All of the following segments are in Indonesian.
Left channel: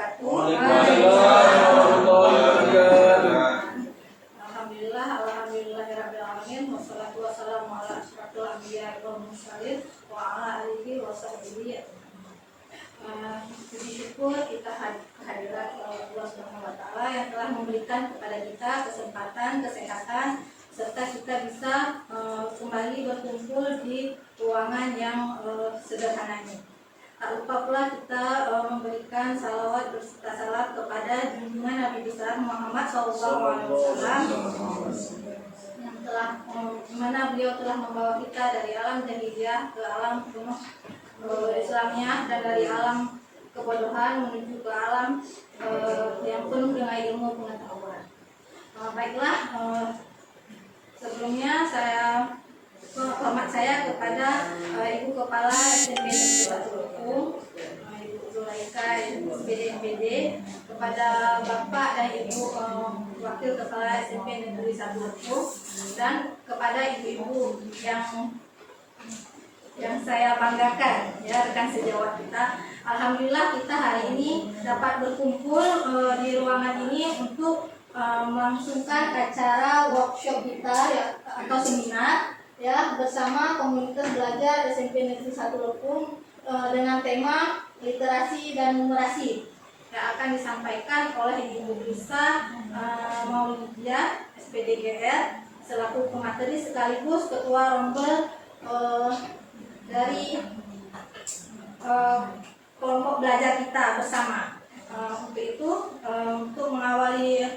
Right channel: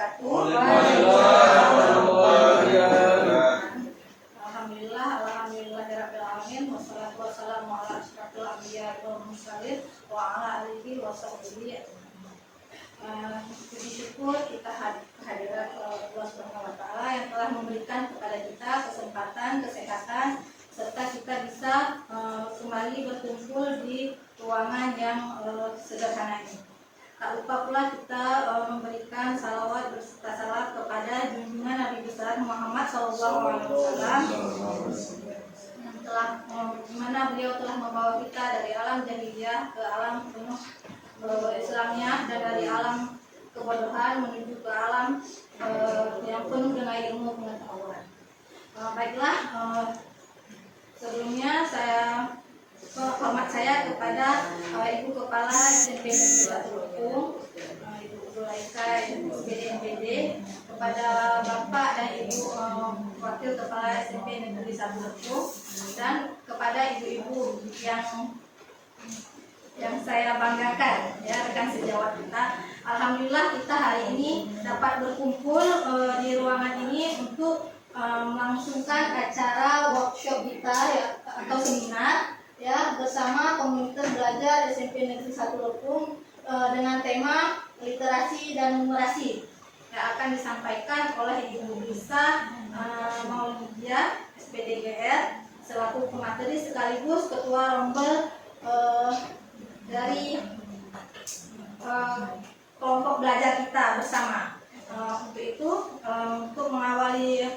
wabarakatuh. Alhamdulillahirabbil wassalatu wassalamu ala asyrofil anbiya'i wal mursalin wa ala alihi wasahbihi. Puji syukur kita kehadirat Allah Subhanahu wa taala yang telah memberikan kepada kita kesempatan, kesehatan serta kita bisa kembali berkumpul di ruangan yang sederhana ini. Tak lupa pula kita memberikan salawat berserta salam kepada junjungan Nabi besar Muhammad SAW yang telah mana beliau telah membawa kita dari alam jahiliyah ke alam penuh Islamnya dan dari alam kebodohan menuju ke alam yang penuh dengan ilmu pengetahuan. Baiklah, sebelumnya hormat saya kepada Ibu Kepala SMP Negeri 1 Lekung, Ibu Zulaika SPD NPD, kepada Bapak dan Ibu Wakil Kepala SMP Negeri 1 Lekung, dan kepada ibu-ibu yang saya banggakan, ya, rekan sejawat kita. Alhamdulillah kita hari ini dapat berkumpul di ruangan ini untuk melangsungkan acara workshop kita, ya, atau seminar, ya, bersama komunitas belajar SMP Negeri 1 Lekung dengan tema literasi dan numerasi yang akan disampaikan oleh Ibu Lisa Maulidia SPDGR selaku pemateri sekaligus ketua rombel dari kelompok belajar kita bersama. Untuk itu, untuk mengawali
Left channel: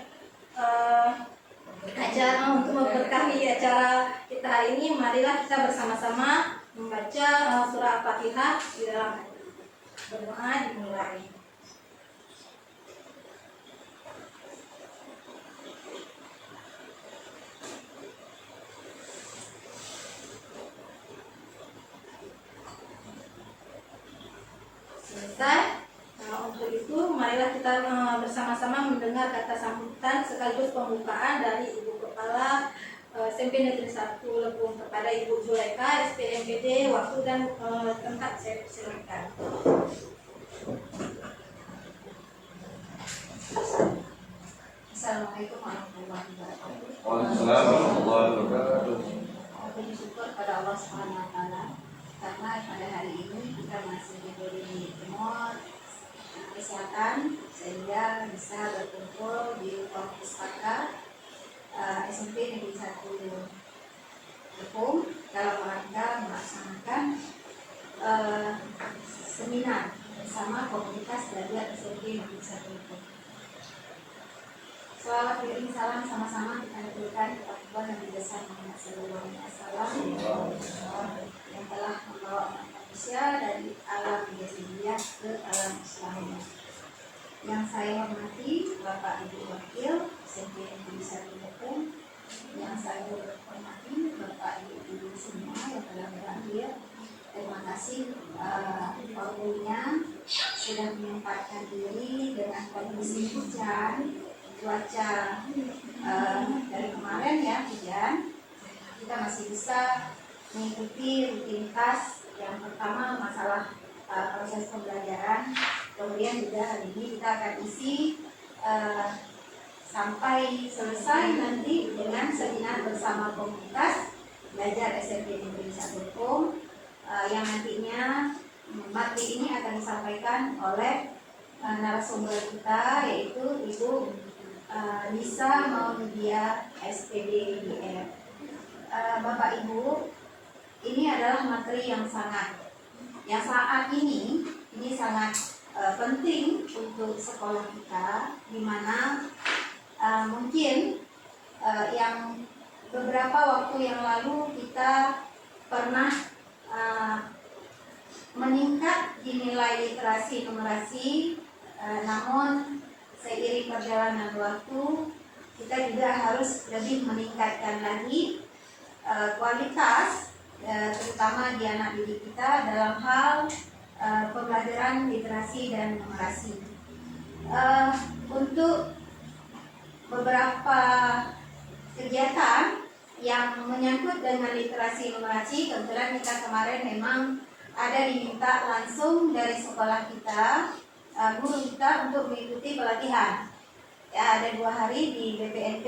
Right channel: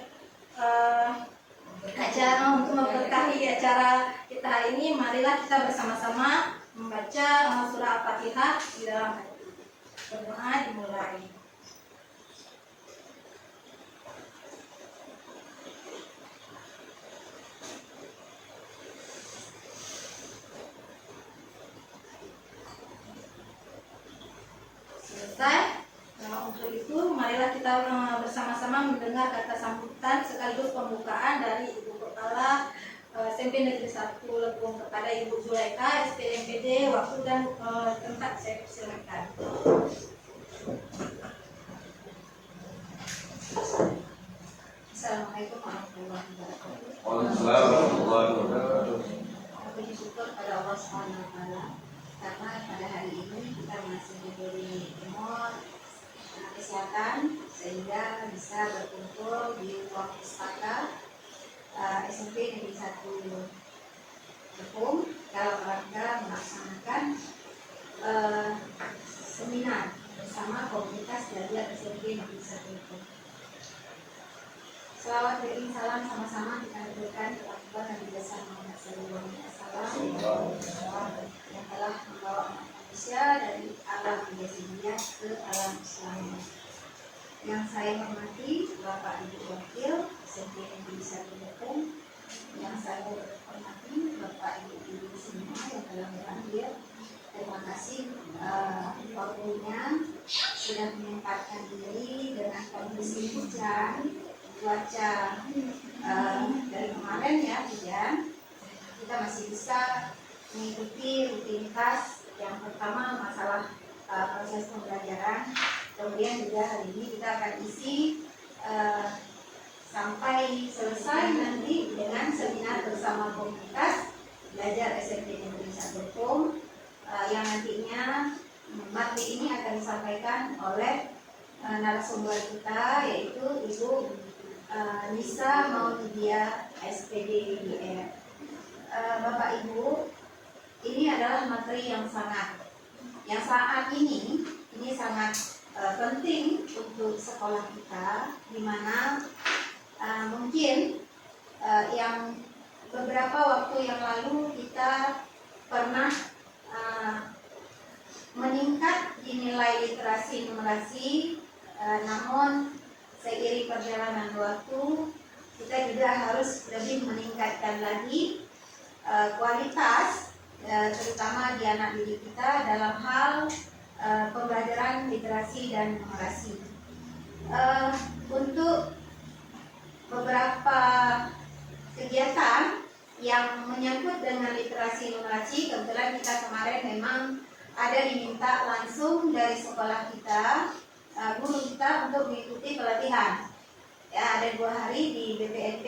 acara, untuk memberkahi acara kita hari ini, marilah kita bersama-sama membaca surah Al-Fatihah di dalam berdoa dimulai. Selesai. Untuk itu, marilah kita bersama-sama mendengar kata sambutan sekaligus pembukaan dari Ibu Kepala SMP Negeri 1 Lekung kepada Ibu Zulaika SPD NPD. Waktu dan tempat saya persilakan. Assalamualaikum warahmatullahi wabarakatuh. Puji syukur pada Allah Subhanahu wa taala karena pada hari ini kita masih diberi umur, kesehatan, sehingga bisa berkumpul di ruang pustaka SMP Negeri 1 Lekung dalam rangka melaksanakan seminar bersama komunitas belajar SMP Negeri 1 Lekung. Salawat dan salam sama-sama kita berikan kepada Tuhan Nabi besar Muhammad SAW yang telah membawa manusia dari alam jahiliyah ke alam Islam. Yang saya hormati Bapak Ibu Wakil SMP Negeri 1 Lekung, yang saya hormati Bapak Ibu semua yang telah berhadir. Terima kasih waktunya sudah menyempatkan diri dengan kondisi hujan, cuaca dari kemarin, ya, hujan. Kita masih bisa mengikuti rutinitas. Yang pertama masalah proses pembelajaran, kemudian juga hari ini kita akan isi sampai selesai nanti dengan seminar bersama komunitas belajar SMP Negeri 1 Lekung yang nantinya materi ini akan disampaikan oleh narasumber kita, yaitu Ibu Lisa Maulidia SPDGR. Bapak Ibu, ini adalah materi yang saat ini sangat penting untuk sekolah kita, di mana mungkin yang beberapa waktu yang lalu kita pernah meningkat di nilai literasi numerasi, namun seiring perjalanan waktu kita juga harus lebih meningkatkan lagi kualitas, terutama di anak didik kita dalam hal pembelajaran literasi dan numerasi. Untuk beberapa kegiatan yang menyangkut dengan literasi numerasi, kebetulan kita kemarin memang ada diminta langsung dari sekolah kita guru kita untuk mengikuti pelatihan. Ya, ada 2 hari di BPNT.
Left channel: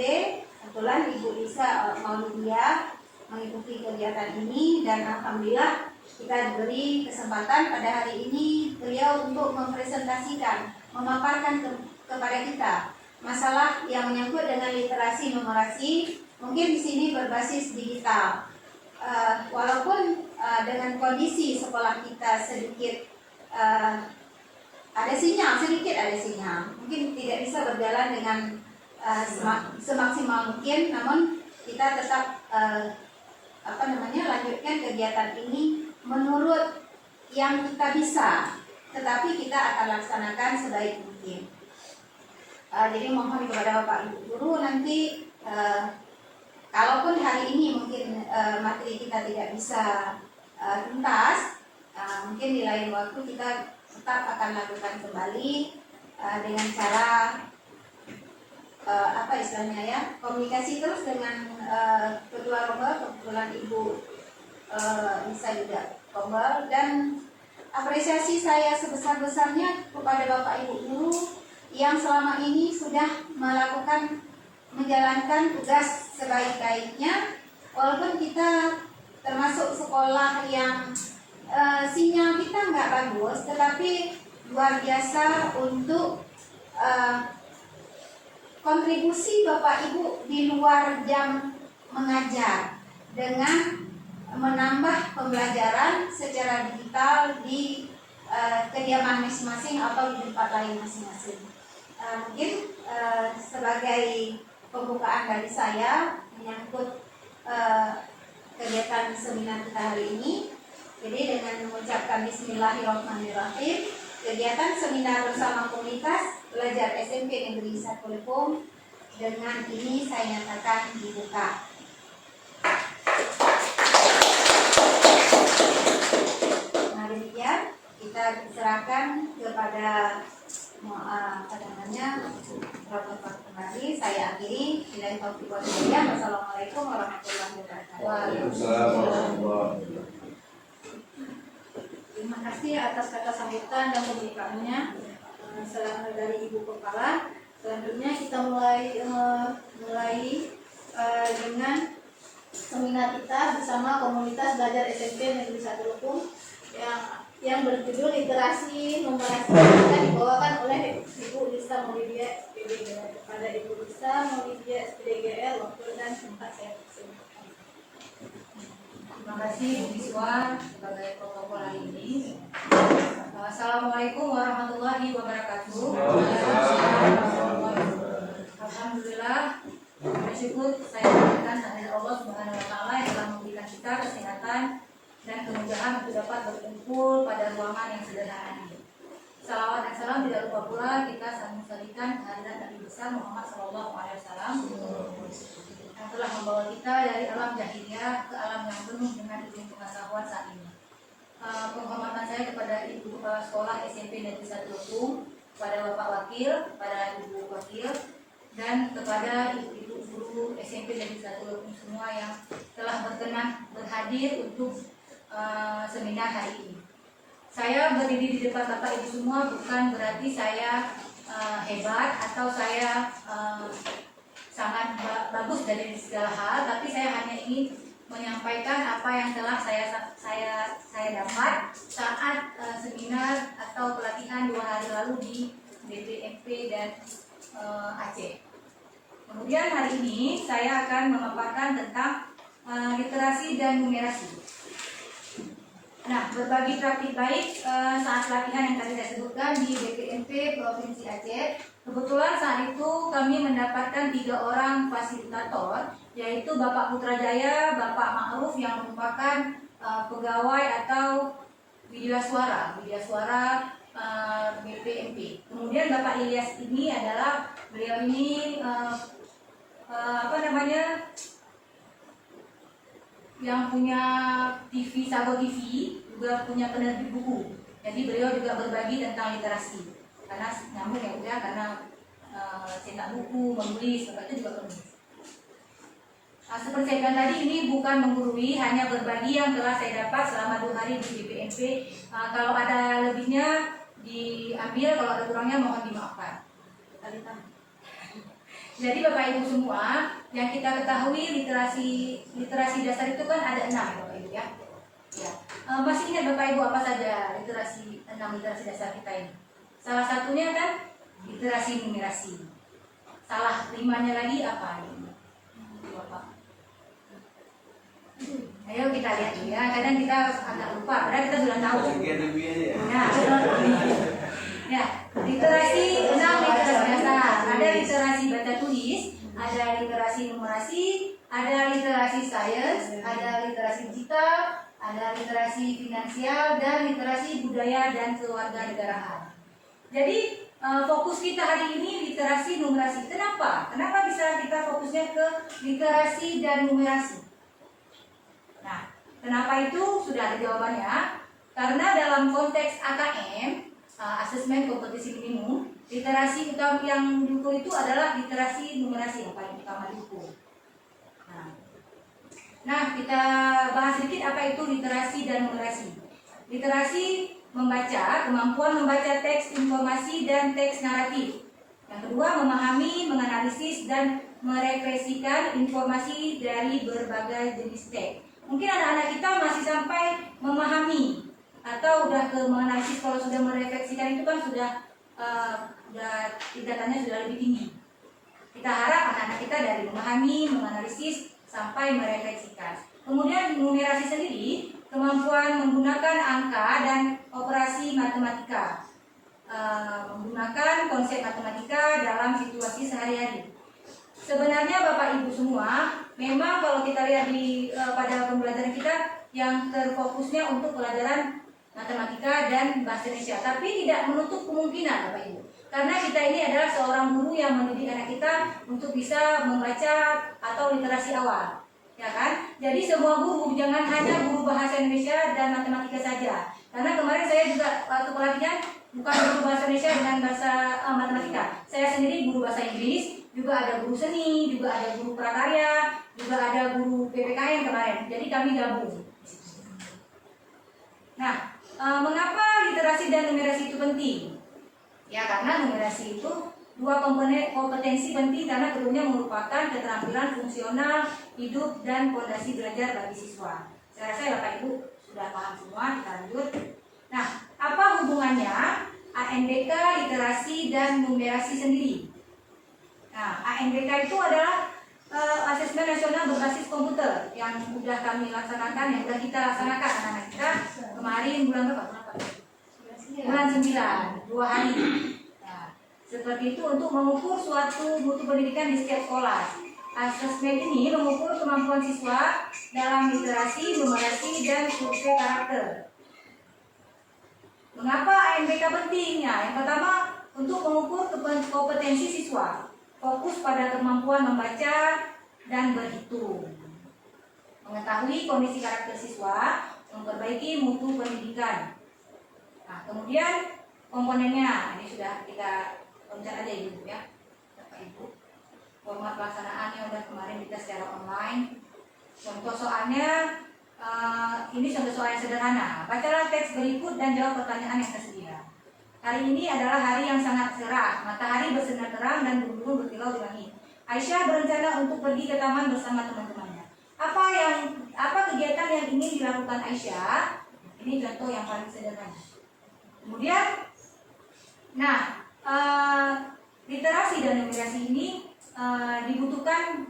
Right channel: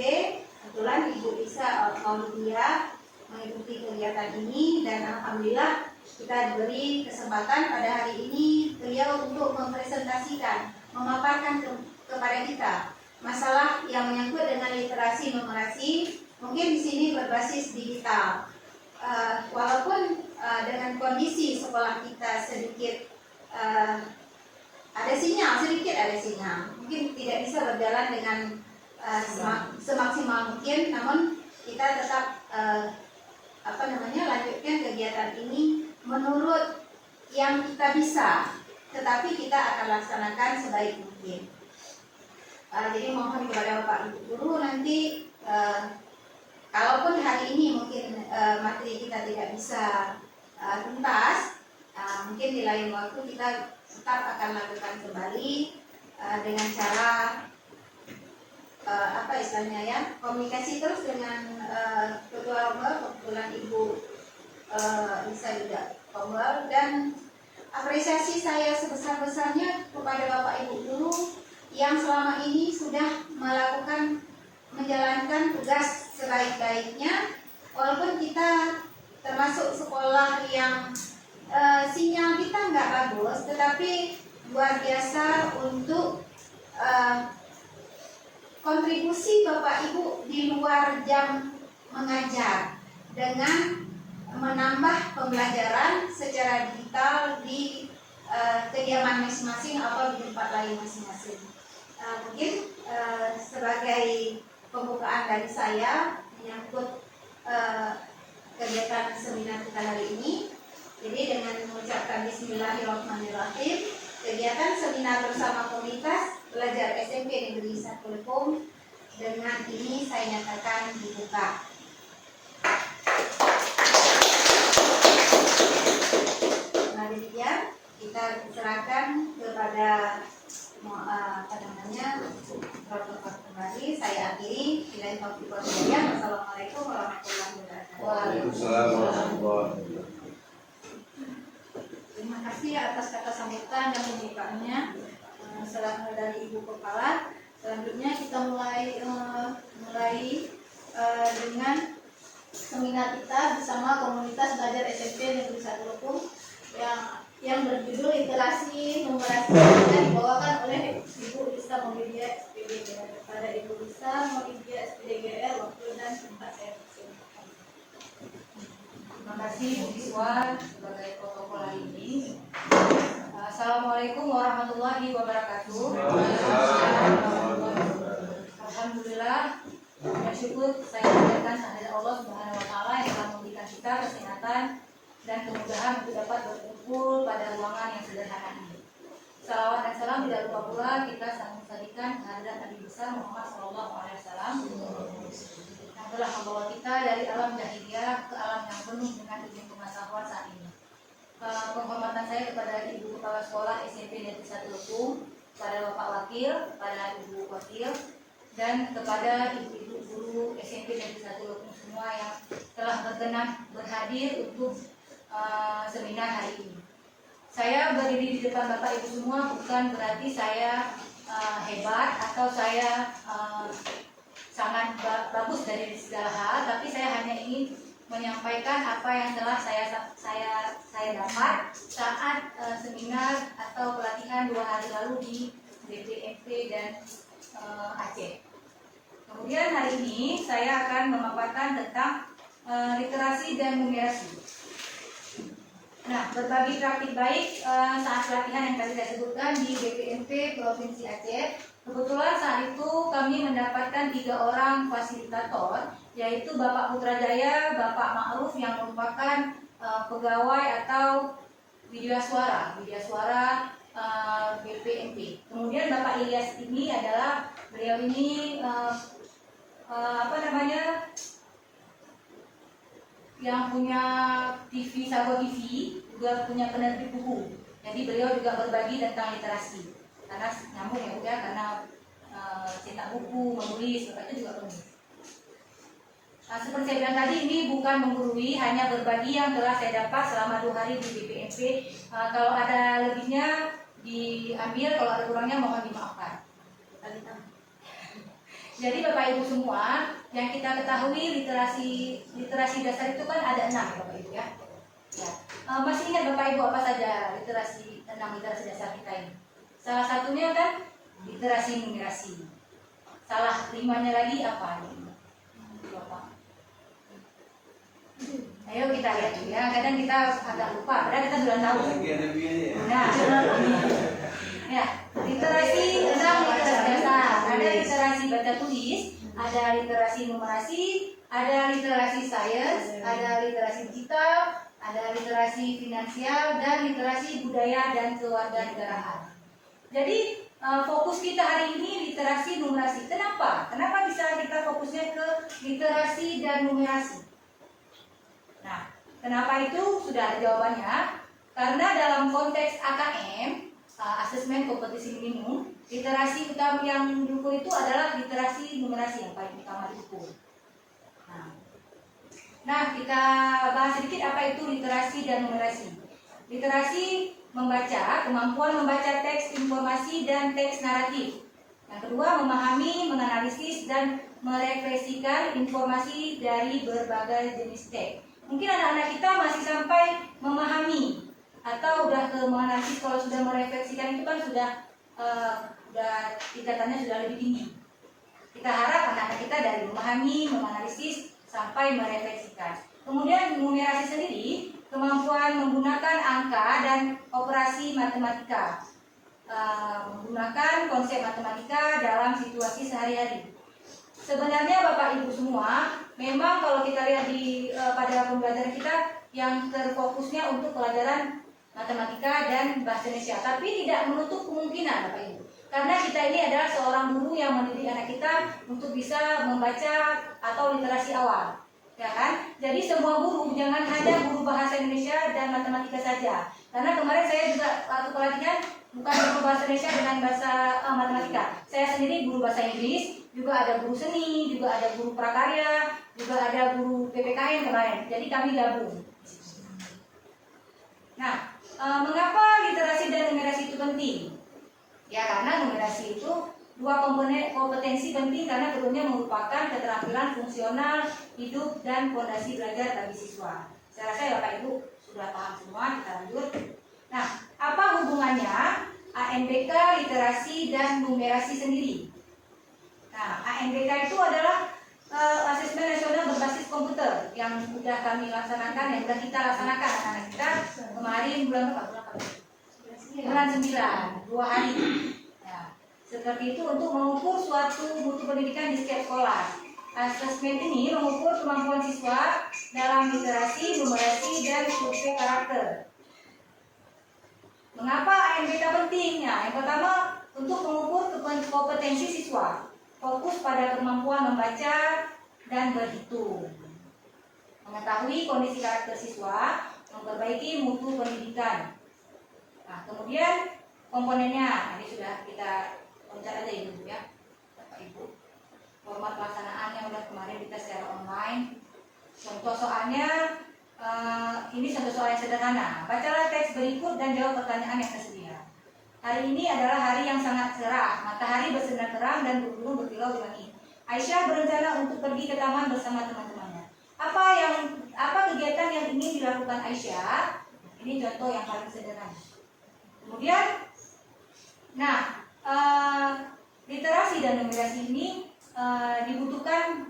Kebetulan Ibu Lisa Maulidia mengikuti kegiatan ini dan alhamdulillah kita diberi kesempatan pada hari ini beliau untuk mempresentasikan, memaparkan kepada kita masalah yang menyangkut dengan literasi numerasi. Mungkin di sini berbasis digital. Walaupun dengan kondisi sekolah kita sedikit ada sinyal, mungkin tidak bisa berjalan dengan semaksimal mungkin, namun kita tetap lanjutkan kegiatan ini menurut yang kita bisa, tetapi kita akan laksanakan sebaik mungkin. Jadi mohon kepada Bapak Ibu Guru nanti kalaupun hari ini mungkin materi kita tidak bisa tuntas, mungkin di lain waktu kita tetap akan lakukan kembali dengan cara komunikasi terus dengan Ketua Rombel. Kebetulan Ibu bisa juga Rombel, dan apresiasi saya sebesar-besarnya kepada Bapak Ibu Guru yang selama ini sudah menjalankan tugas sebaik-baiknya, walaupun kita termasuk sekolah yang sinyal kita nggak bagus, tetapi luar biasa untuk kontribusi Bapak Ibu di luar jam mengajar dengan menambah pembelajaran secara digital di kediaman masing-masing atau di tempat lain masing-masing. Mungkin sebagai pembukaan dari saya menyangkut kegiatan seminar kita hari ini. Jadi dengan mengucapkan Bismillahirrahmanirrahim, kegiatan seminar bersama komunitas belajar SMP Negeri 1 Lekung dengan ini saya nyatakan dibuka. Nah, demikian kita serahkan kepada protokol kembali. Saya akhiri. Wassalamualaikum warahmatullahi wabarakatuh. Terima kasih atas kata sambutan dan pembukaannya dari Ibu Kepala. Selanjutnya kita mulai dengan seminar kita bersama komunitas belajar SMP Negeri 1 Lekung yang berjudul literasi numerasi, yang dibawakan oleh Ibu Lisa Maulidia SPDGR. Kepada Ibu Lisa Maulidia SPDGR, waktu dan tempat saya persilakan. Terima kasih Bu Iswa sebagai protokol hari ini. Assalamualaikum warahmatullahi wabarakatuh. Alhamdulillah, bersyukur saya berikan kehadirat Allah Subhanahu wa taala yang telah memberikan kita kesehatan dan kemudahan untuk dapat berkumpul pada ruangan yang sederhana ini. Salawat dan salam tidak lupa pula kita sampaikan kehadirat Nabi besar Muhammad SAW yang telah membawa kita dari alam jahiliyah ke alam yang penuh dengan ilmu pengetahuan saat ini. Penghormatan saya kepada Ibu Kepala Sekolah SMP Negeri 1 Lekung, kepada Bapak Wakil, kepada Ibu Wakil, dan kepada ibu-ibu guru SMP Negeri 1 Lekung semua yang telah berkenan berhadir untuk seminar hari ini. Saya berdiri di depan Bapak Ibu semua bukan berarti saya hebat atau saya sangat bagus dari segala hal, tapi saya hanya ingin menyampaikan apa yang telah saya dapat saat seminar atau pelatihan 2 hari lalu di BPMP dan Aceh. Kemudian hari ini saya akan memaparkan tentang literasi dan numerasi. Nah, berbagi praktik baik saat pelatihan yang tadi saya sebutkan di BPMP Provinsi Aceh. Kebetulan saat itu kami mendapatkan 3 orang fasilitator, yaitu Bapak Putrajaya, Bapak Ma'ruf yang merupakan pegawai atau media suara BPMP. Kemudian Bapak Ilyas ini adalah beliau ini yang punya TV Sago TV, juga punya penerbit buku. Jadi beliau juga berbagi tentang literasi. Karena nyambung ya udah, karena cetak buku, menulis, itu juga penulis. Seperti saya bilang tadi, ini bukan menggurui, hanya berbagi yang telah saya dapat selama 2 hari di BPMP. Kalau ada lebihnya diambil, kalau ada kurangnya mohon dimaafkan. Jadi Bapak Ibu semua, yang kita ketahui literasi dasar itu kan ada 6 Bapak Ibu ya. Ya. Masih ingat Bapak Ibu apa saja 6 literasi dasar kita ini? Salah satunya kan literasi numerasi. Salah 5-nya lagi apa? Bapak. Ayo kita lihat ya. Kadang kita agak lupa, padahal kita sudah tahu. Nah, ya, literasi 6 literasi dasar. Ada literasi baca tulis, ada literasi numerasi, ada literasi sains, ada literasi digital, ada literasi finansial, dan literasi budaya dan kewarganegaraan. Jadi fokus kita hari ini literasi numerasi. Kenapa? Kenapa bisa kita fokusnya ke literasi dan numerasi? Nah, kenapa itu sudah ada jawabannya? Karena dalam konteks AKM, asesmen kompetisi minimum, literasi utama yang diukur itu adalah literasi numerasi yang paling utama diukur. Nah, kita bahas sedikit apa itu literasi dan numerasi. Literasi membaca, kemampuan membaca teks informasi dan teks naratif. Yang kedua, memahami, menganalisis, dan merefleksikan informasi dari berbagai jenis teks. Mungkin anak-anak kita masih sampai memahami atau udah ke menganalisis. Kalau sudah merefleksikan itu kan sudah tingkatannya sudah lebih tinggi. Kita harap anak-anak kita dari memahami, menganalisis, sampai merefleksikan. Kemudian numerasi sendiri, kemampuan menggunakan angka dan operasi matematika, menggunakan konsep matematika dalam situasi sehari-hari. Sebenarnya Bapak Ibu semua, memang kalau kita lihat pada pembelajaran kita yang terfokusnya untuk pelajaran matematika dan bahasa Indonesia, tapi tidak menutup kemungkinan Bapak Ibu. Karena kita ini adalah seorang guru yang mendidik anak kita untuk bisa membaca atau literasi awal, ya kan? Jadi semua guru, jangan hanya guru bahasa Indonesia dan matematika saja. Karena kemarin saya juga waktu pelatihan bukan guru bahasa Indonesia dengan bahasa matematika. Saya sendiri guru bahasa Inggris, juga ada guru seni, juga ada guru prakarya, juga ada guru PPKN kemarin. Jadi kami gabung. Nah, mengapa literasi dan numerasi itu penting? Ya, karena numerasi itu dua komponen kompetensi penting karena keduanya merupakan keterampilan fungsional, hidup, dan fondasi belajar bagi siswa. Saya rasa ya Bapak Ibu sudah paham semua, kita lanjut. Nah, apa hubungannya ANBK, literasi, dan numerasi sendiri? Nah, ANBK itu adalah asesmen nasional berbasis komputer yang sudah kami laksanakan, yang sudah kita laksanakan anak-anak kita kemarin bulan berapa? Bulan 9, 2 hari. Ya, seperti itu untuk mengukur suatu mutu pendidikan di setiap sekolah. Asesmen ini mengukur kemampuan siswa dalam literasi, numerasi, dan survei karakter. Mengapa ANBK pentingnya? Yang pertama, untuk mengukur kompetensi siswa, fokus pada kemampuan membaca dan berhitung, mengetahui kondisi karakter siswa, memperbaiki mutu pendidikan. Nah, kemudian komponennya, ini sudah kita loncat aja Ibu ya, Bapak Ibu. Format pelaksanaannya udah kemarin kita secara online. Contoh soalnya, ini contoh soal yang sederhana. Bacalah teks berikut dan jawab pertanyaan yang tersedia. Hari ini adalah hari yang sangat cerah, matahari bersinar terang dan burung berkilau di langit. Aisyah berencana untuk pergi ke taman bersama teman-temannya. Apa kegiatan yang ingin dilakukan Aisyah? Ini contoh yang paling sederhana. Kemudian, nah, literasi dan numerasi ini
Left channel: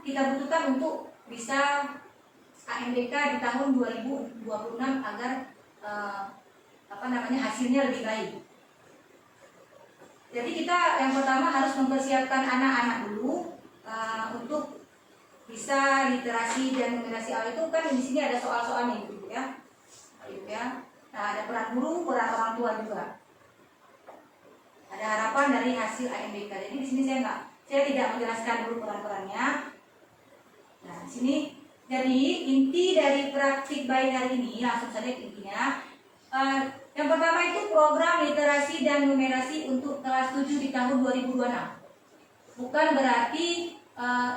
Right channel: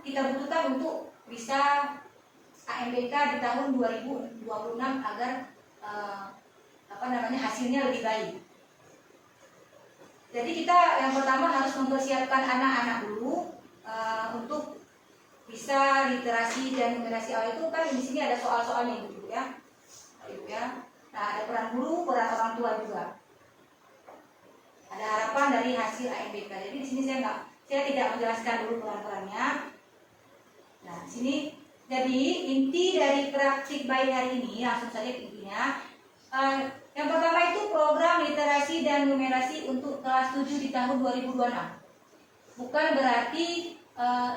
kita butuhkan untuk bisa ANBK di tahun 2026 agar hasilnya lebih baik. Jadi kita yang pertama harus mempersiapkan anak-anak dulu untuk bisa literasi dan numerasi awal itu kan di sini ada soal-soalnya gitu ya, Ibu ya. Nah, ada peran guru, peran orang tua juga. Ada harapan dari hasil ANBK. Jadi di sini saya tidak menjelaskan dulu peran-perannya. Nah, di sini jadi inti dari praktik baik hari ini langsung saja ke intinya. Yang pertama itu program literasi dan numerasi untuk kelas 7 di tahun 2026. Bukan berarti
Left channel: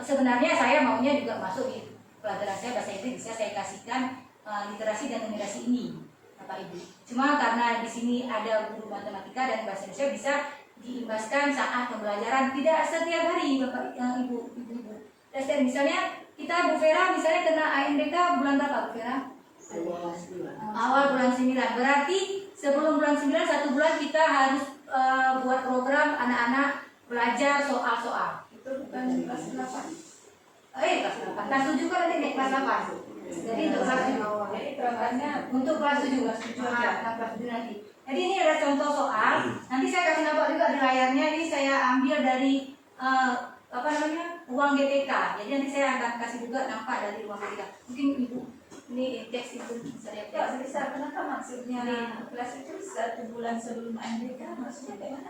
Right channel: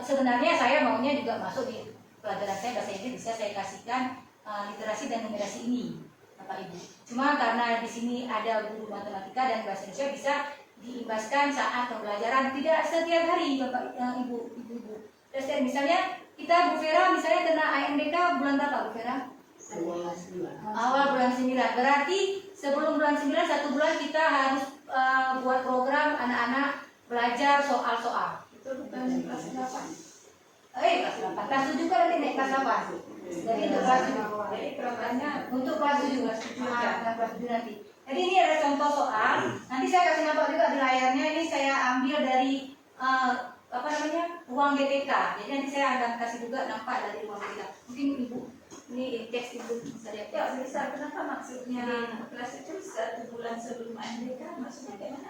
sebenarnya saya maunya juga masuk di pelajaran saya bahasa Inggris, bisa saya kasihkan literasi dan numerasi ini. Bapak Ibu. Cuma karena di sini ada guru matematika dan bahasa Indonesia bisa diimbaskan saat pembelajaran, tidak setiap hari Bapak Ibu. Dan misalnya kita Bu Vera misalnya kena AMBK bulan berapa Bu Vera? Awal bulan 9. Berarti sebelum bulan 9 1 bulan kita harus buat program anak-anak belajar soal-soal. Itu bukan kelas 8. Kelas 8. Kelas 7 kan nanti naik kelas 8. Jadi untuk kelas 7. Jadi programnya Untuk kelas 7. Kelas 7 nanti. Jadi ini ada contoh soal. Nanti saya kasih nampak juga di layarnya. Ini saya ambil dari ruang GTK. Jadi nanti saya akan kasih juga nampak dari ruang GTK. Mungkin Ibu ini teks Ibu bisa lihat. ya bisa. Kenapa maksudnya kelas itu 1 bulan sebelum AMBK? Maksudnya bagaimana?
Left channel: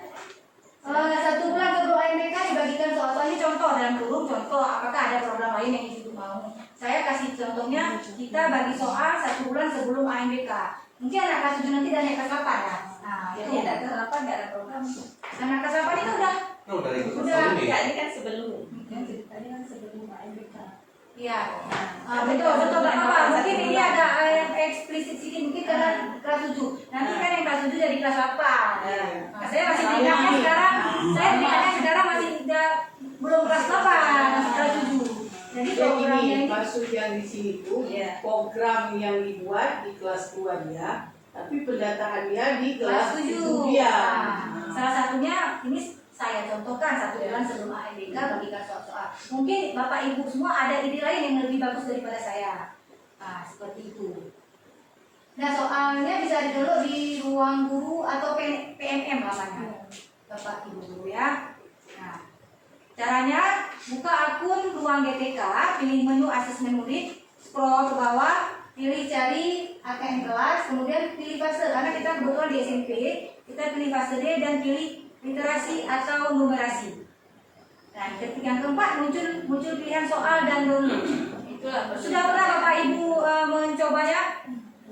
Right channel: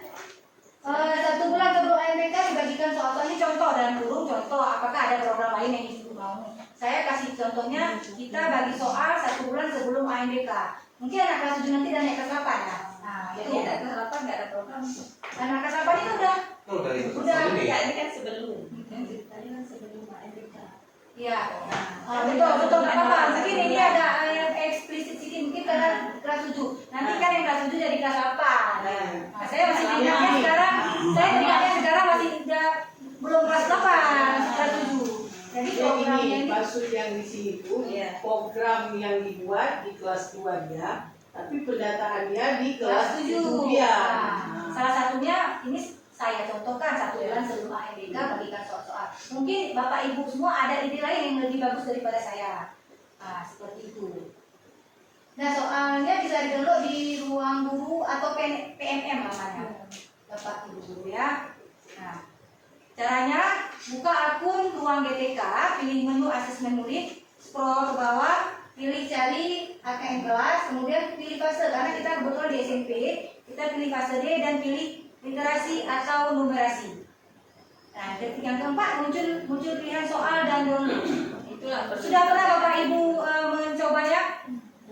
1 bulan sebelum AMBK dibagikan soal-soal. Ini contoh dalam kurung contoh. Apakah ada program lain yang Ibu mau? Saya kasih contohnya. Kita bagi soal 1 bulan sebelum AMBK. Mungkin anak kelas 7 nanti dan naik kelas 8 ya. Nah, Jadi itu. anak kelas 8 nggak ada program. Anak kelas 8 itu udah. Udah, ya, ini kan sebelum. Tadi kan sebelum AMBK. Iya. Betul Pak Papa. Mungkin ini ada yang eksplisit sedikit mungkin karena kelas 7. Nanti kan yang kelas 7 jadi kelas 8. Nah, saya masih ingatnya sekarang. Saya ingatnya sekarang masih belum kelas 8, masih kelas 7. Jadi programnya ini ini maksud yang di sini tuh program yang dibuat di kelas 2 dia, tapi pendataannya di kelas 7 dia. Nah, salah satunya ini saya contohkan 1 bulan sebelum AMBK bagikan soal-soal. Mungkin Bapak Ibu semua ada ide lain yang lebih bagus daripada saya. Nah, seperti itu. Nah, soalnya bisa didownload di ruang guru atau PMM namanya. Bapak Ibu guru ya. Nah, caranya buka akun ruang GTK, pilih menu asesmen murid, scroll ke bawah, pilih cari AKM kelas, kemudian pilih fase karena kita kebetulan di SMP, kita pilih fase D dan pilih literasi atau numerasi. Nah, yang keempat muncul pilihan soal dan download. Sudah pernah Bapak Ibu mencobanya?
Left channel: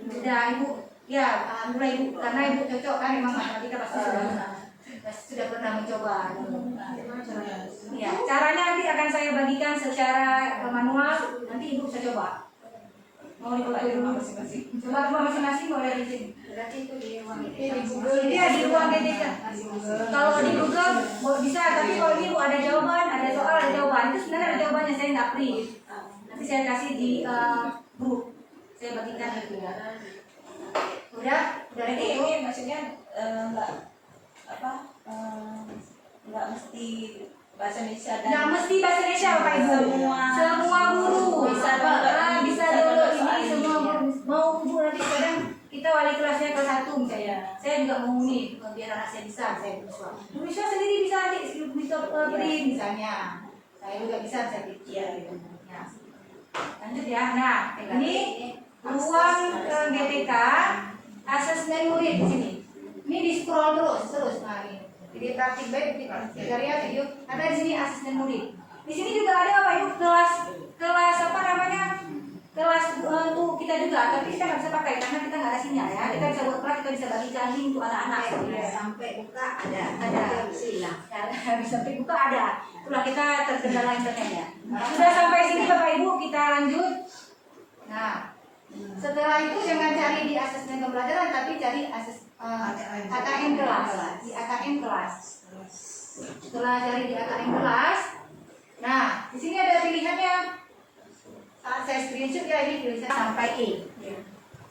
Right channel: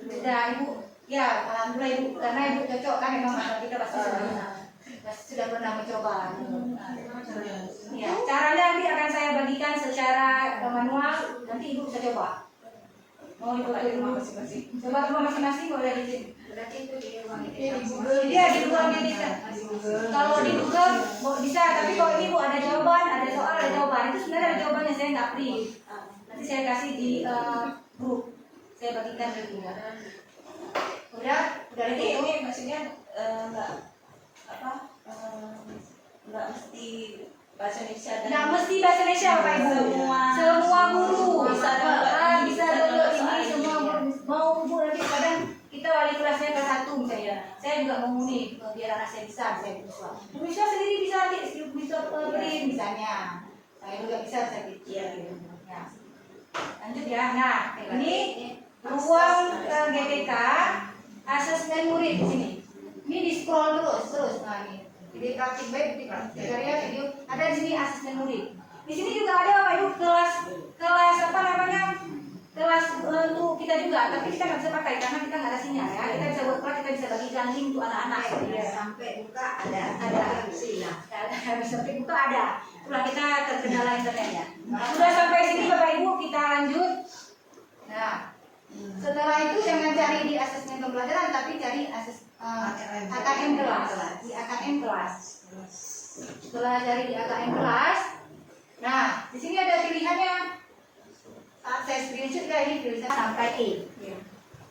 Sudah Ibu? Ya, alhamdulillah Ibu, karena Ibu cocok kan memang anak kita pasti sudah pernah mencoba. Ya, caranya nanti akan saya bagikan secara manual, nanti Ibu bisa coba. Mau Ibu dulu masing-masing. Coba rumah masing-masing boleh di sini. Berarti itu di ruang Di Google. Iya, di ruang GTK. Kalau di Google bisa, tapi kalau ini Bu ada jawaban, ada soal, ada jawaban. Itu sebenarnya ada jawabannya, saya nggak print. Nanti saya kasih di grup. Saya bagikan di Google. Udah Jadi ready? ini maksudnya nggak mesti bahasa Indonesia dan Nggak mesti bahasa Indonesia Bapak Ibu. Semua guru Bisa bisa download ini semua guru. Mau Bu nanti kadang kita wali kelasnya kelas 1 misalnya. Saya juga mau nih biar anak saya bisa berusaha. Bisa sendiri bisa nanti bisa print misalnya. Saya juga bisa saya print. Ya. Lanjut ya. Nah, ini ruang GTK asesmen murid di sini. Ini di scroll terus. Nah, ini. Jadi praktik baik karya video ada di sini asisten murid. Di sini juga ada Bapak Ibu kelas apa namanya? Kelas untuk kita juga, tapi kita nggak bisa pakai karena kita nggak ada sinyal ya. Kita bisa buat kelas, kita bisa bagikan link untuk anak-anak ya. sampai buka ada sila. Sampai buka ada. Itulah kita terkendala internetnya. Sudah sampai sini Bapak Ibu kita lanjut. Nah, setelah itu jangan cari di asesmen pembelajaran, tapi cari AKM kelas. Di AKM kelas. Setelah cari di AKM kelas, nah di sini ada pilihannya. Saya screenshot ya ini tulisan sampai E.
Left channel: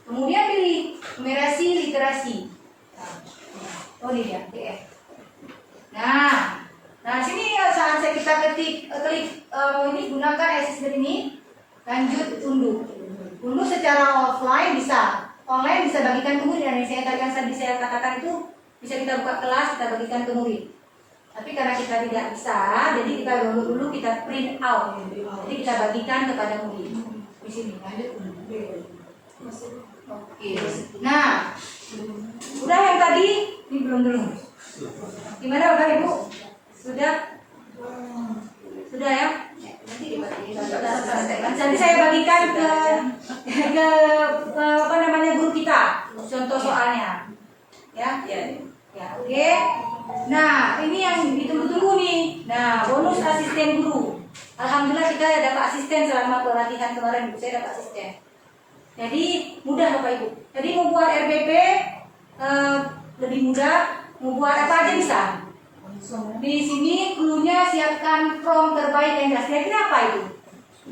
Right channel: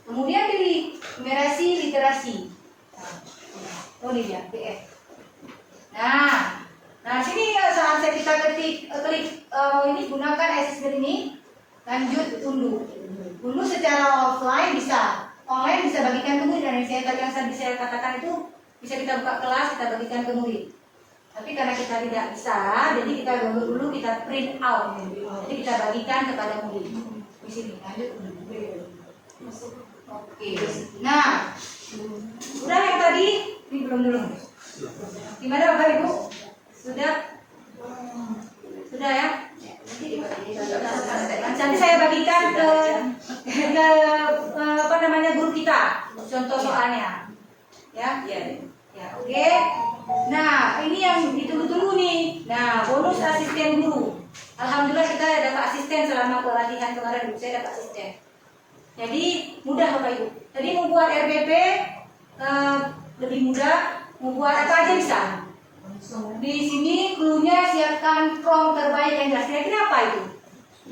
Kemudian pilih numerasi literasi. Oh ini dia, PF. Nah sini saat kita klik ini gunakan asesmen ini, lanjut unduh. Unduh secara offline bisa, online bisa bagikan ke murid. Dan yang tadi saya katakan itu bisa kita buka kelas, kita bagikan ke murid. Tapi karena kita tidak bisa, jadi kita dulu kita print out. Jadi kita bagikan kepada murid. Di sini lanjut unduh. Oke. Nah, udah yang tadi ini belum. Gimana Bapak Ibu? Sudah ya? Nanti saya bagikan ke apa namanya guru kita, contoh soalnya, ya, oke. Nah, ini yang ditunggu-tunggu nih. Nah, bonus asisten guru. Alhamdulillah kita dapat asisten selama pelatihan kemarin, saya dapat asisten. Jadi mudah Bapak Ibu. Jadi mau buat RPP lebih mudah, mau buat apa aja bisa. Di sini cluenya siapkan prompt terbaik yang jelas. Kira-kira apa itu?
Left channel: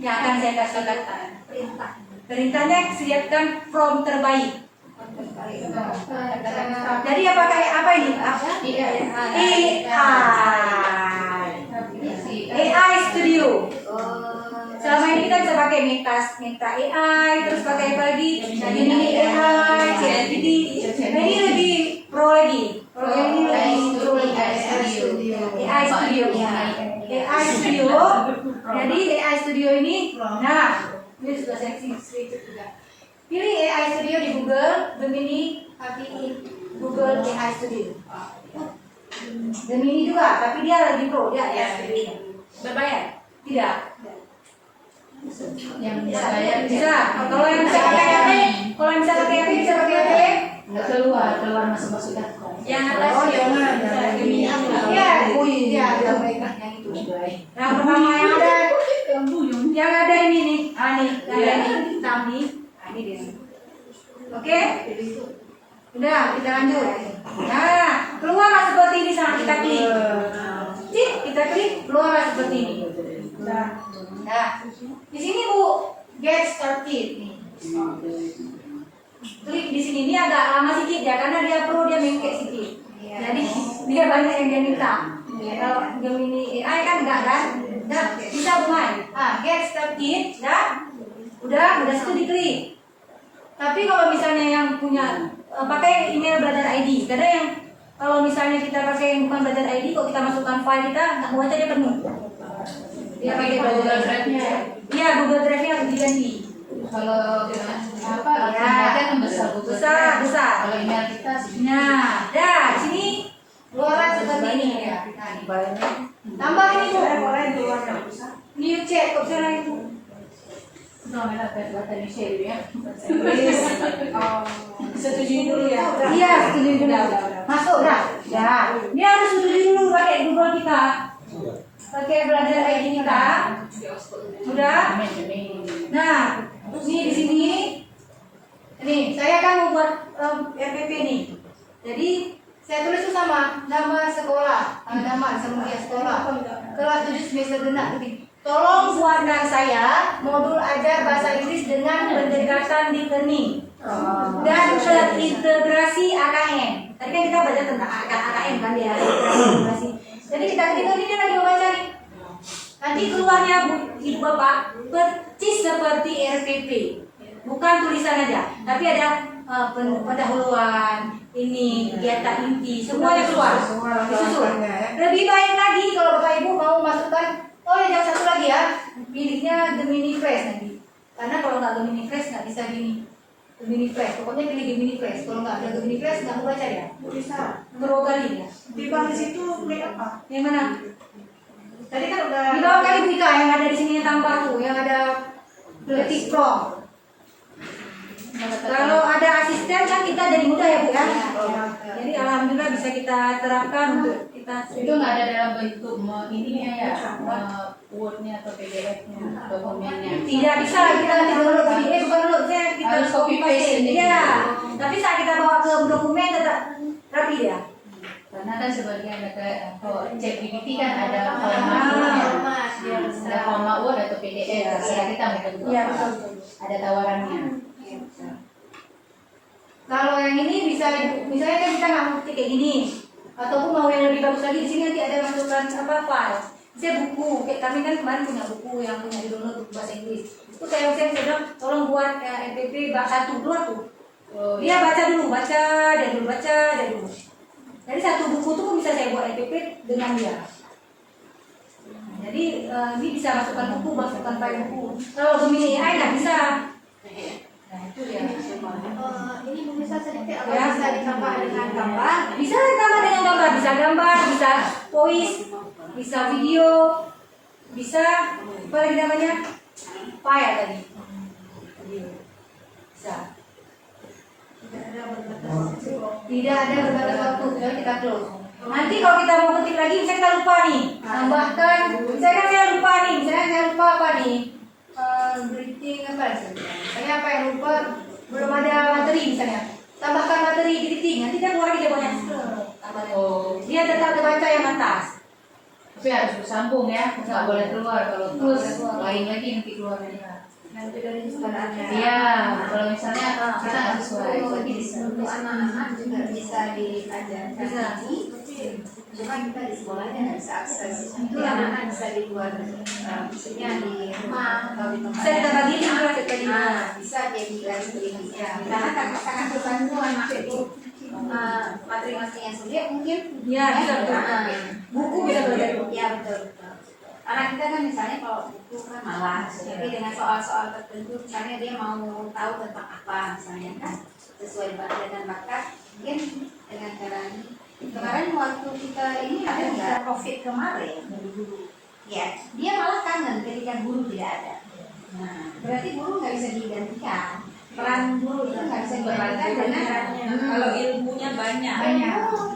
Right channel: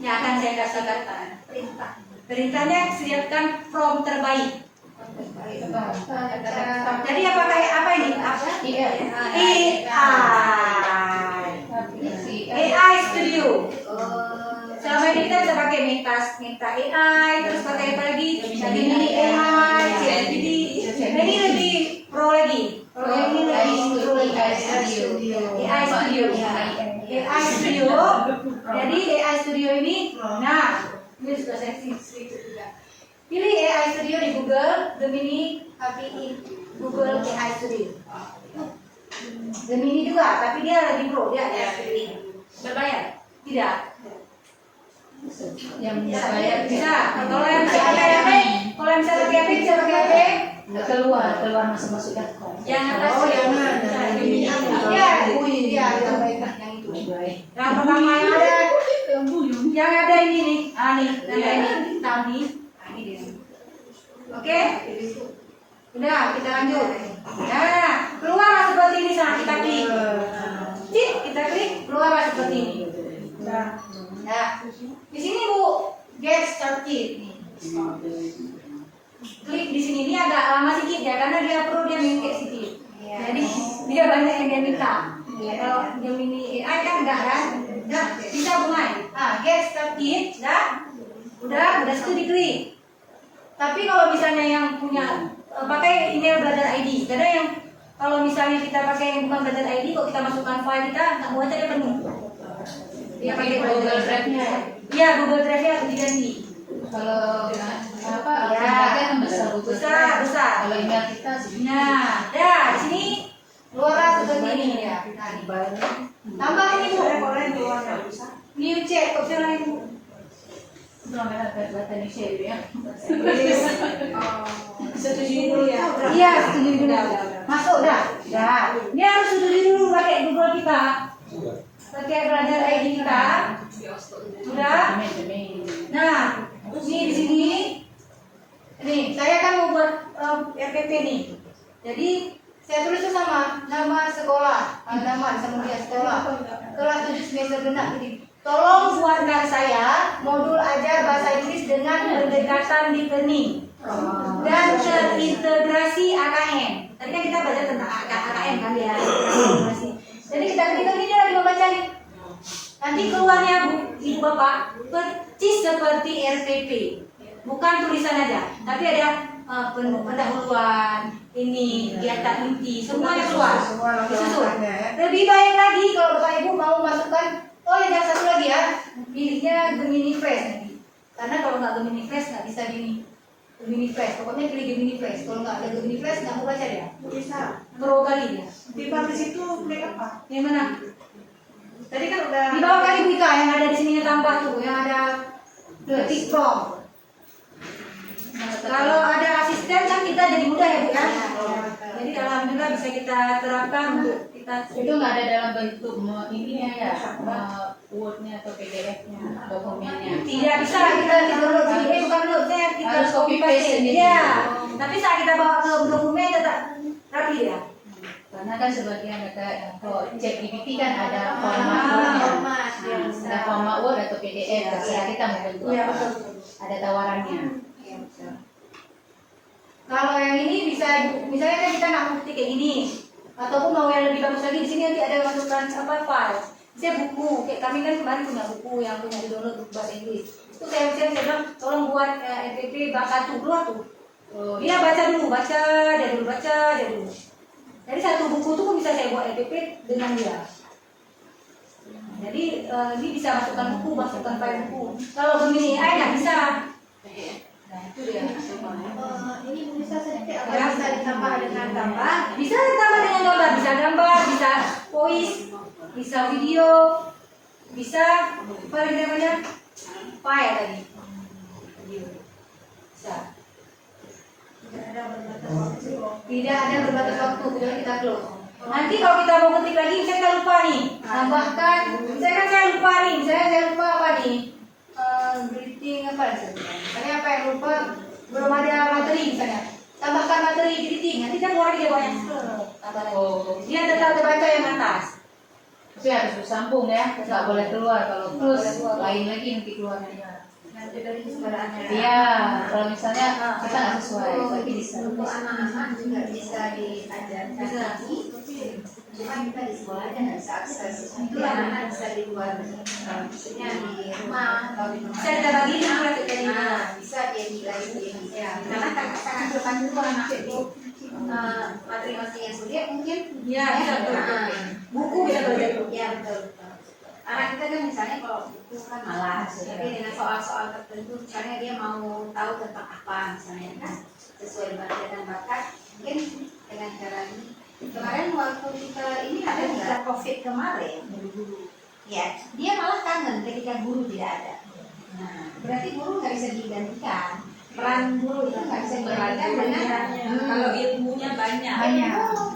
Yang akan saya kasih kata. Perintahnya siapkan prompt terbaik. Jadi apa ini? AI Studio. Selama ini kita bisa pakai Meta AI, terus pakai apa lagi? Gemini AI, ChatGPT. Nah, ini lebih pro lagi. AI Studio. AI Studio. Jadi AI Studio ini, nah, ini sudah saya sedikit juga. Pilih AI Studio di Google, Gemini, API, Google AI Studio. Gemini juga, tapi dia lebih pro, dia AI Studio. Berbayar? Tidak. Yang saya Bisa. Kalau yang bisa pakai HP, bisa pakai HP. keluar masuk dah. Yang atas. Oh, yang ada. Iya, iya, yang itu. Yang pertama yang ada ini nih. Nih, ini tentang nih. Ini dia. Oke? Udah, kita lanjut. Nah, keluarlah seperti ini sama kita klik. Kita klik, keluarlah seperti ini. Nah, di sini Bu, get started nih. Klik di sini, ini agak lama sedikit ya, karena dia perlu dia mengklik sedikit. Jadi dia banyak yang dia minta. Kalau Gemini AI kan enggak kan? Nah, bisa mulai. Get started, udah situ diklik. Tapi kalau misalnya yang punya pakai email belajar ID, karena yang kalau misalnya kita pakai yang bukan belajar ID, kok kita masukkan file kita nggak mau aja dia penuh. Ya pakai Google Drive-nya. Iya, Google Drive-nya diganti. Kalau apa? Ya. Aja kan besar Google Besar, Drive. besar. Kalau email kita sih. Nah, di sini luaran seperti ini ya. Tambah ini Bu. New chat, opsi lain Bu. Belum ada data di share ya. Setuju dulu ya. Iya, setuju dulu. Masuk dah. Ya. Dia harus setuju dulu pakai Google kita. Pakai belajar ID kita. Udah. Nah, ini di sini. Nih, saya kan mau buat RPP nih. Jadi saya tulis itu sama nama sekolah, nama kemudian sekolah. Kelas 7 semester genap. Tolong buatkan saya modul ajar bahasa Inggris dengan pendekatan listening dan terintegrasi AKN. Tadi kan kita baca tentang AKN kan ya, integrasi. Jadi kita ketika ini dia lagi membaca nih. Nanti keluarnya Ibu Bapak persis seperti RPP. Bukan tulisan aja, tapi ada pendahuluan, ini kegiatan inti, semuanya keluar. Disusun. Lebih baik lagi kalau Bapak Ibu mau masukkan, yang satu lagi ya, pilihnya Gemini Fresh nanti. Karena kalau nggak Gemini Fresh nggak bisa gini. Gemini Fresh, pokoknya pilih Gemini Fresh. Kalau nggak ada Gemini Fresh nggak mau baca ya. Bisa. Pro kali ya. Di bawah situ klik apa? Yang mana? Tadi kan udah. Di bawah kali Bika yang ada di sini tambah tuh, yang ada ketik prompt. Kalau ada asisten kan kita jadi mudah ya Bu ya. Jadi alhamdulillah bisa kita terapkan untuk kita. Itu nggak ada dalam bentuk ininya ya, Word-nya atau PDF-nya, dokumennya. Tidak bisa kita download PDF, bukan downloadnya kita Harus copy paste sendiri. Ya, tapi saat kita bawa ke dokumen tetap rapi ya. Karena kan sebagian ada kalau ChatGPT kan ada format Word-nya, ada format Word atau PDF. Terserah kita mau bentuk Iya apa. betul. Ada tawarannya. Kalau yang ini bisa, misalnya kan kita nggak mau ketik kayak gini, ataupun mau yang lebih bagus lagi, di sini nanti ada masukkan apa file. Saya buku, kayak kami kan kemarin punya buku yang punya di download buku bahasa Inggris. Itu saya bilang tolong buat RPP bab 1 keluar tuh. Dia baca dulu, baca dulu. Jadi satu buku tuh pun bisa saya buat RPP dengan dia. Jadi ini bisa masukkan buku, masukkan file buku. Kalau Gemini AI nggak bisa. Nah itu dia. Ini bisa sedikit Ya, bisa ditambah dengan gambar. Bisa ditambah dengan gambar, bisa gambar, bisa voice, bisa video, bisa apa lagi namanya? File tadi. Bisa. Tidak ada berbatas waktu, sudah kita close. Nanti kalau kita mau ketik lagi, saya lupa nih. Tambahkan, saya lupa nih. Misalnya saya lupa apa nih? Greeting apa? Tapi apa yang lupa belum ada materi misalnya. Tambahkan materi editing, nanti kan keluar dia banyak tambah lagi. Dia tetap terbaca yang atas. Tapi harus bersambung ya, nggak boleh keluar kalau Terus lain lagi nanti keluar dari nanti dari kesepakatannya. Iya, kalau misalnya kita nggak sesuai, berarti bisa. Untuk anak-anak juga bisa diajarkan Bisa. cuma kita di sekolahnya nggak bisa akses. Itu anak-anak bisa di luar, maksudnya di rumah atau di tempat. Bisa kita bagi nih praktik tadi. Bisa jadi lagi ini. Ya. Karena karena kepanduan itu materi-materi yang sulit mungkin. Iya, bisa betul. Buku bisa belajar. Ya betul. Anak kita kan misalnya kalau buku kan malas, tapi dengan soal-soal tertentu misalnya dia mau tahu tentang apa misalnya kan sesuai bakat dan bakat, mungkin dengan cara ini. Kemarin waktu kita ini ada nggak COVID kemarin, ya dia malah kangen ketika guru tidak ada. Nah, berarti guru nggak bisa digantikan. Peran guru itu nggak bisa digantikan dengan Kalau ilmunya banyak.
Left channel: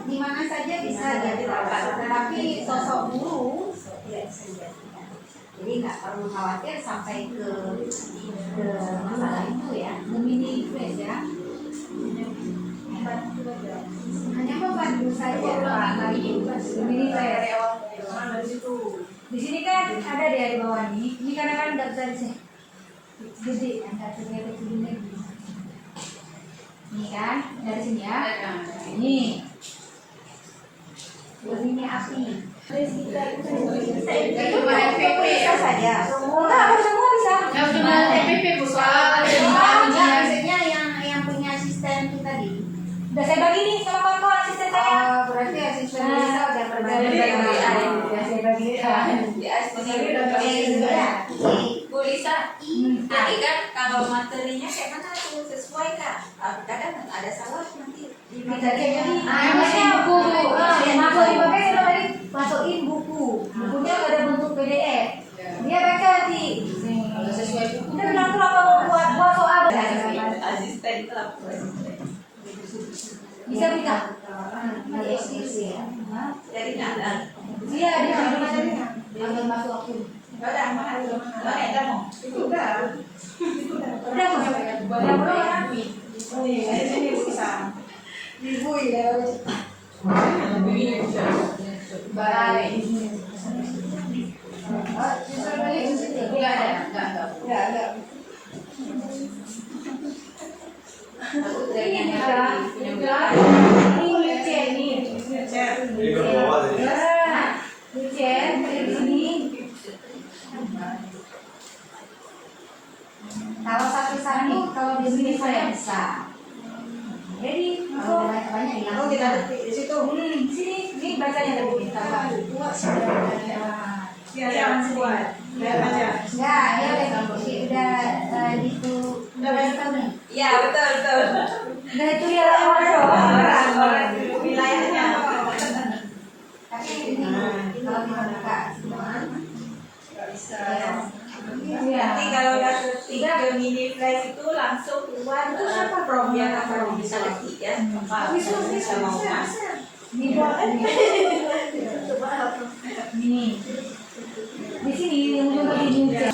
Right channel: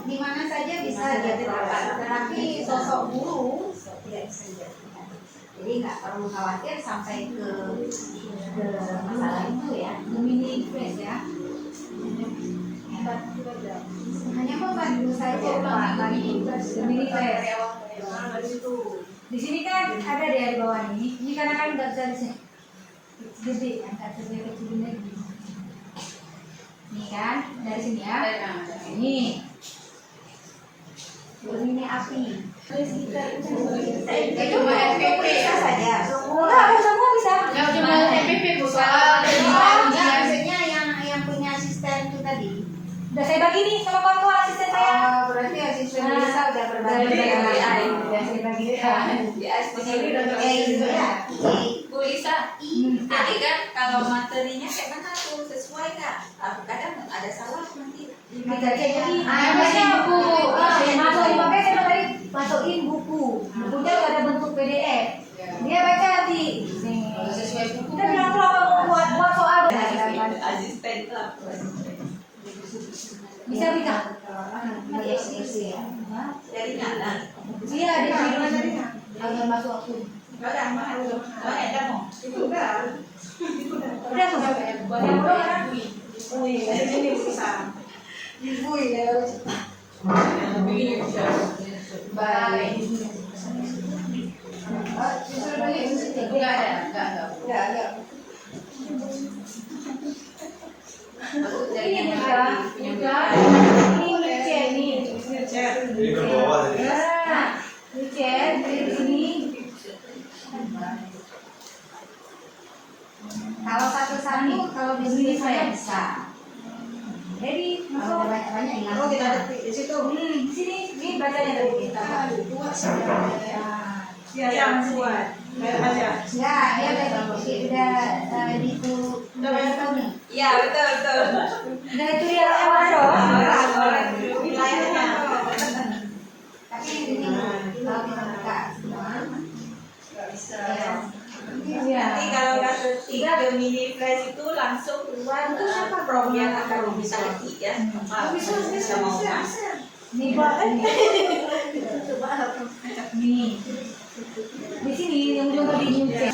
di mana saja bisa dia terapkan, tetapi sosok guru tidak bisa digantikan. Jadi nggak perlu khawatir sampai ke masalah itu ya. Mini quiz ya. Hanya membantu saja Pak bagi Mini quiz. Di sini kan ada di bawah ini. Ini karena kan nggak bisa di sini. Gede kan, akhirnya kecilnya gede. Ini kan dari sini ya. Ini. ini api. Itu Bisa saja. enggak harus semua bisa. Maksudnya yang punya asisten itu tadi. Udah saya bagi nih sama kawan-kawan asisten saya. Oh, berarti asisten bisa udah berbagi. Udah saya bagi. Bu Lisa, tapi kan kalau materinya kayak mana tuh sesuai nggak? Kadang ada salah nanti. Bisa jadi. Namanya buku. Masuk makanya saya tadi masukin buku. Bukunya udah ada bentuk PDF. Dia baca nanti. Sesuai buku. Kita bilang tuh apa mau buat soal. Asisten itu apa? Bisa bisa. Nanti eksekusi ya. Dari mana? Iya di sini materinya. Agar masuk aku. Banyak mau. Udah tuh. Yang belum kan? Ibu ya. Baik. Disuruh balik. Enggak ada. Enggak ada. Dari yang Ini ke bawah tadi. Kalau satu-satu, kalau di sini saya bisa. Jadi Kalau masuk. banyak-banyak hilang. Oh kita di situ. Di sini ini bacanya tadi kita. Yang kuat. Enggak, dia udah itu udah banyak tahu nih. Iya betul. Nah itu dia orang. Orang wilayahnya. Tapi ini kalau kita buka semua, Bisa. Iya. Nanti kalau udah ketik ke mini flash itu langsung keluar prom yang akan bisa ketik ya. Bisa mau kan? Ini buat ini. Di sini yang belum tadi nyuci.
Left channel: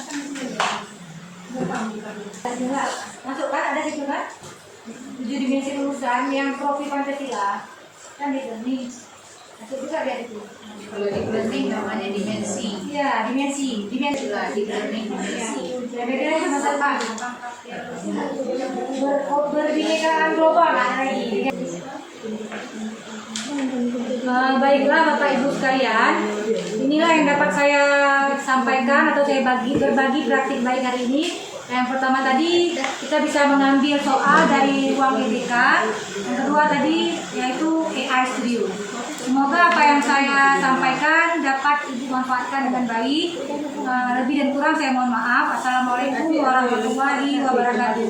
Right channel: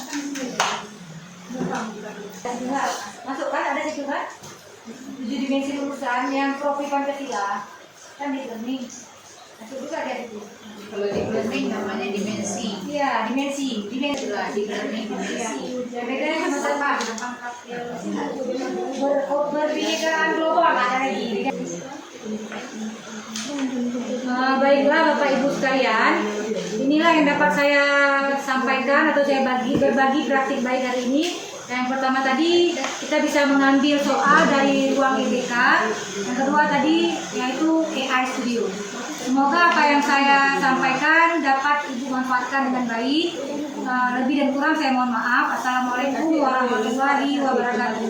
Masuk kan ada situ kan? 7 dimensi lulusan yang profi Pancasila kan gitu nih. Masuk juga dia itu. Kalau di learning namanya dimensi. Iya dimensi. Itulah di learning dimensi. Beda sama berbinekaan global lagi. Baiklah Bapak Ibu sekalian, inilah yang dapat saya sampaikan atau saya berbagi praktik baik hari ini. Yang pertama tadi kita bisa mengambil soal dari ruang EBK. Yang kedua tadi yaitu AI Studio. Semoga apa yang saya sampaikan dapat Ibu manfaatkan dengan baik. Lebih dan kurang saya mohon maaf. Assalamualaikum warahmatullahi wabarakatuh.